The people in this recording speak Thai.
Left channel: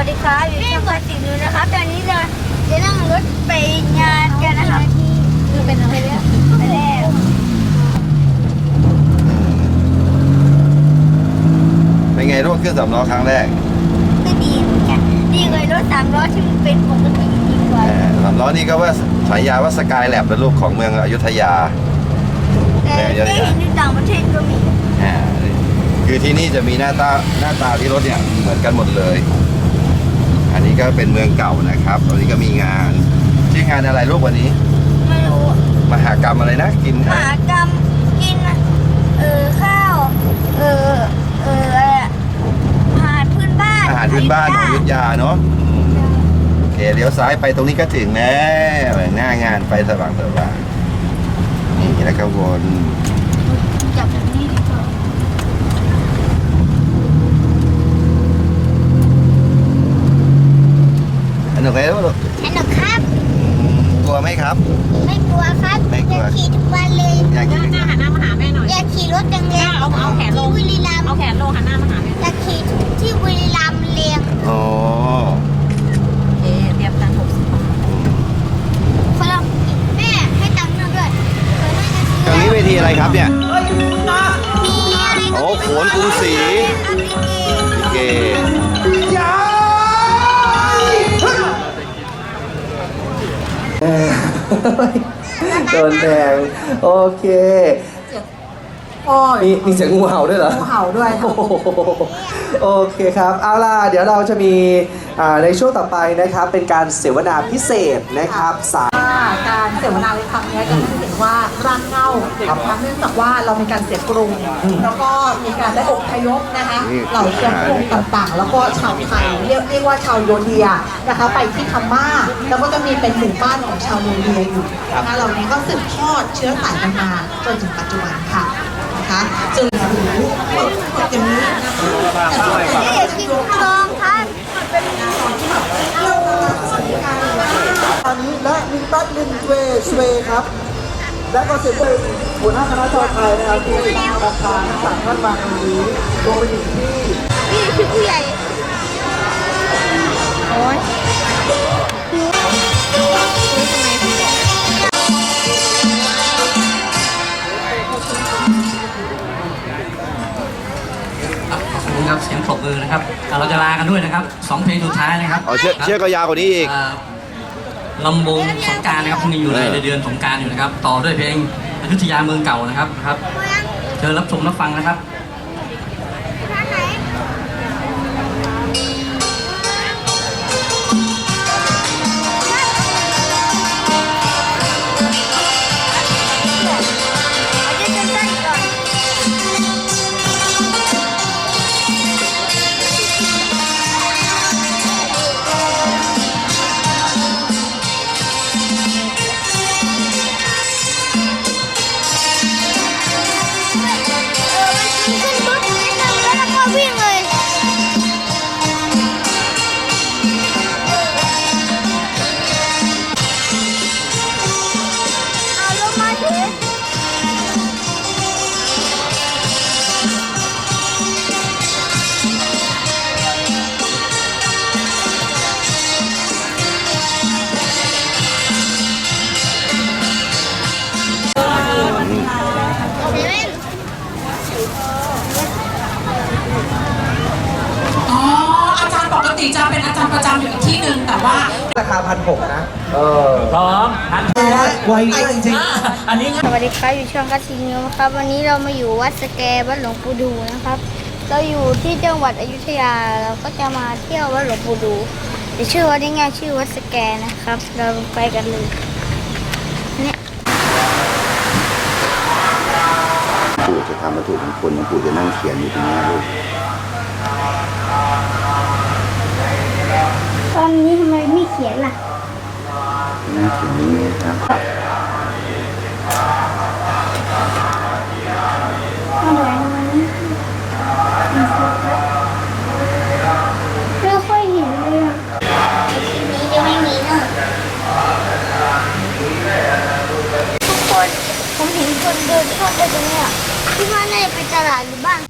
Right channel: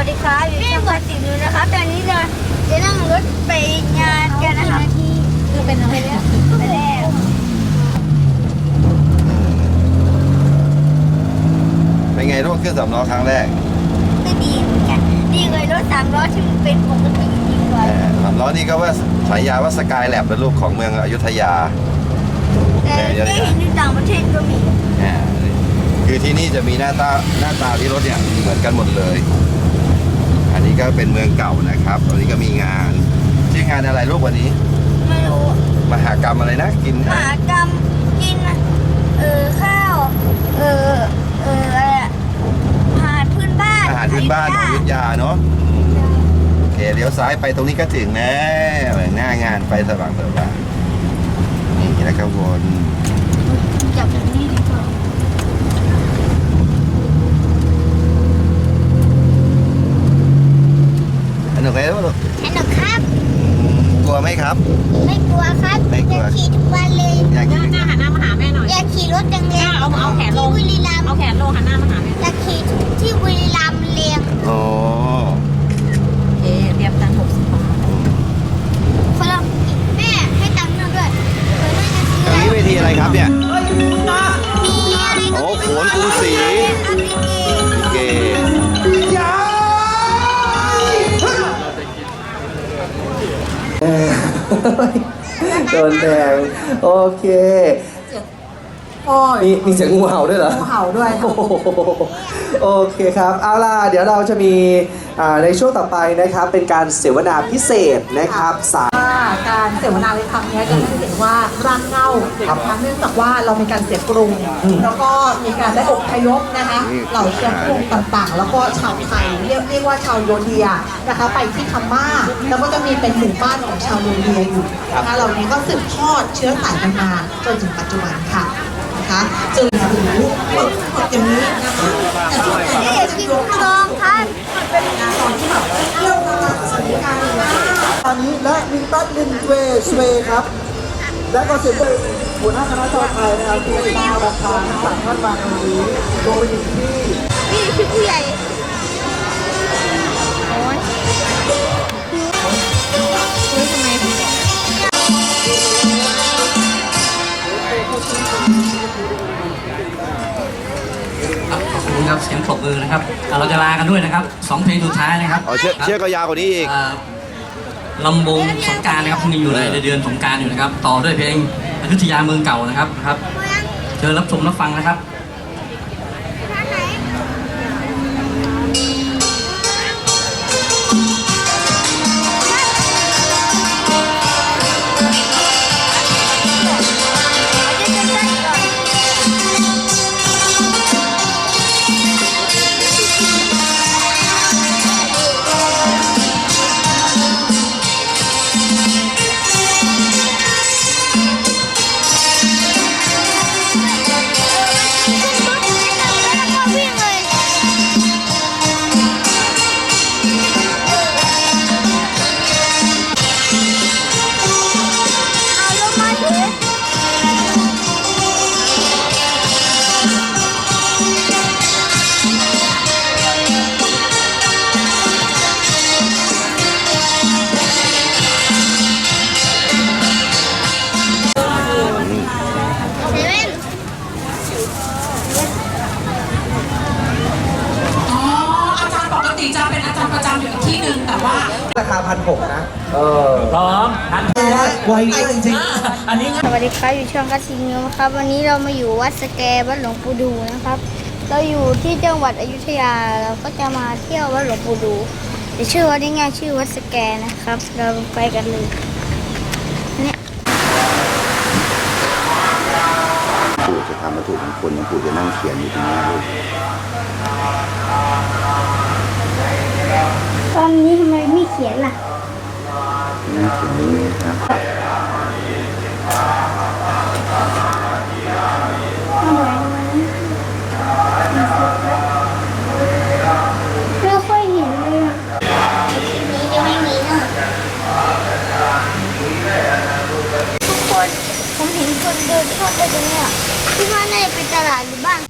วัสดีครับอยู่ช่องคาสินูนะครับตอนนี้เราจะนั่งรถไปงานกันนะครับคือเป็นอะไรเนี่ยไปแล้วเป็นไงรถเครื่องสำล้อครั้งแรกไม่ดีเหมือนกันดีเลยรถสามล้อที่มันเป็นปกติดีกว่าสำล้อนี่ก็ว่าฉายาว่าสกายแลบเป็นรูปของเมืองอยุธยาแต่ได้เห็นอยู่ต่างประเทศก็มีอ่าคือที่นี่จะมีหน้าตาหน้าตาที่รถเนี่ยเหมือนกันหมดเลยอันนี้ก็ เป็นเมืองเก่านะครับตอนนี้ก็มีงานชื่องานอะไรลูกวันนี้ ไม่รู้มหากรรมอะไรนะ กินมหากรรมกิน เออข้าว เออเอออะไรอะอาหารพื้นบ้านอาหารพื้นบ้านของอยุธยาเนาะโอเคเลี้ยวซ้ายไปตรงนี้ก็ถึงแล้วหน้างานไฟสว่างสว่างนี่แล้วก็วน จับแบบนี้ดีกว่า สนุกไหมลูก สนุกครับ กลัวไหมครับ ไม่กลัวครับ ไม่กลัว จะขี่ทุกวันเลย อยาก ห กิ น้าน หน้าหันหน้ามาหาแม่หน่อย อยากขี่ร ถแรงเอาเอาแขนลที่งบุรีรัมย์เอาแขนลงหันหน้ามาหาแม่อยากขี่ที่บุรีรัมย์เรียงอ๋อเอ๊เตรียมตังค์หกสิบบาทฝรั่งแม่ให้ตังค์หน่อยด้วยเผื่อแม่จะซื้ออะไรนี่เวทีอะไรครับเนี่ยมีอะไรก็โอ้ไม่โหรู้นกรุงศรีครับพี่เกเกโดนแทงโอเค พ่อมีมีเสียงงูเห่าด้วยเหรอเห่าด้วยโอ้โหโอเคครับ เอาล่ะ เดี๋ยวเราจะมีอ่าในช่วงต่อไปนะครับ เป็นการเสวนาพิเศษนะครับสามการเสวนาในครั้งนี้จะให้เห็นว่าร่างเง่านะคะเนื่องจากว่าเรามีการเสียกรุง แล้วก็มีการได้อบพยพนะคะเหล่าเชื้อพงต่างๆ แล้วก็ชาวไทยเรียกเรียกว่าชาวโยเดียนะคะไปที่พม่าแล้วก็จะมีเป็นหมู่บ้านของชาวโยเดียอยู่นะคะเหล่านี้ก็สืบทอดเชื้อสายกันมาจนถึงปัจจุบันค่ะนะคะจึงถือว่าอย่าง นี้นะคะแต่ช่วงนี่นี้อยากกินทองครับตอนนี้และมินตัสลินเวสเวครับ และก็เสียงหัวหน้าคณะกรรมการนะครับที่ได้รับคำสั่งท่านมาตรงนี้โดยที่ เสียงปรบมือนะครับอะเราจะลากันด้วยนะครับสองเพลงสุดท้ายนะครับเอาเชือกครับเชือกก็ยาวกว่านี้อีก อ่าลำวงสงกรารนะครับพรุ่งนี้อยู่ในเดือนสงกรารอยู่นะครับ ต่อด้วยเพลงอยุธยาเมืองเก่านะครับครับ เชิญรับชมรับฟังนะครับ ล ราคาพันหกนะ เออพร้อมทันไวจริงอันนี้สวัสดีครับอยู่ช่องคัสซินิวครับ วันนี้เรามาอยู่วัดสแกวัดหลวงปู่ดูนะครับ เราอยู่ที่จังหวัดอยุธยาเราก็จะมาเที่ยววัดหลวงปู่ดูแต่ชื่อวัดง่ายๆชื่อวัดสแกนะครับ เราไปกันเลยเนี่ยปู่จะทำวัตถุมงคลปู่จะนั่งเขียนอยู่ตรงนี้ลูก ตอนนี้ทำไมไม่เขียนล่ะนั่งเขียนอย่างนี้ครับทำไมไม่ค่อยเห็นเลยอะทีนี้จะไม่มีนะทุกคนผมเห็นคนเดินเข้าไปตรงเนี้ยที่ว่าน่าจะเป็นตลาดหรือบ้าน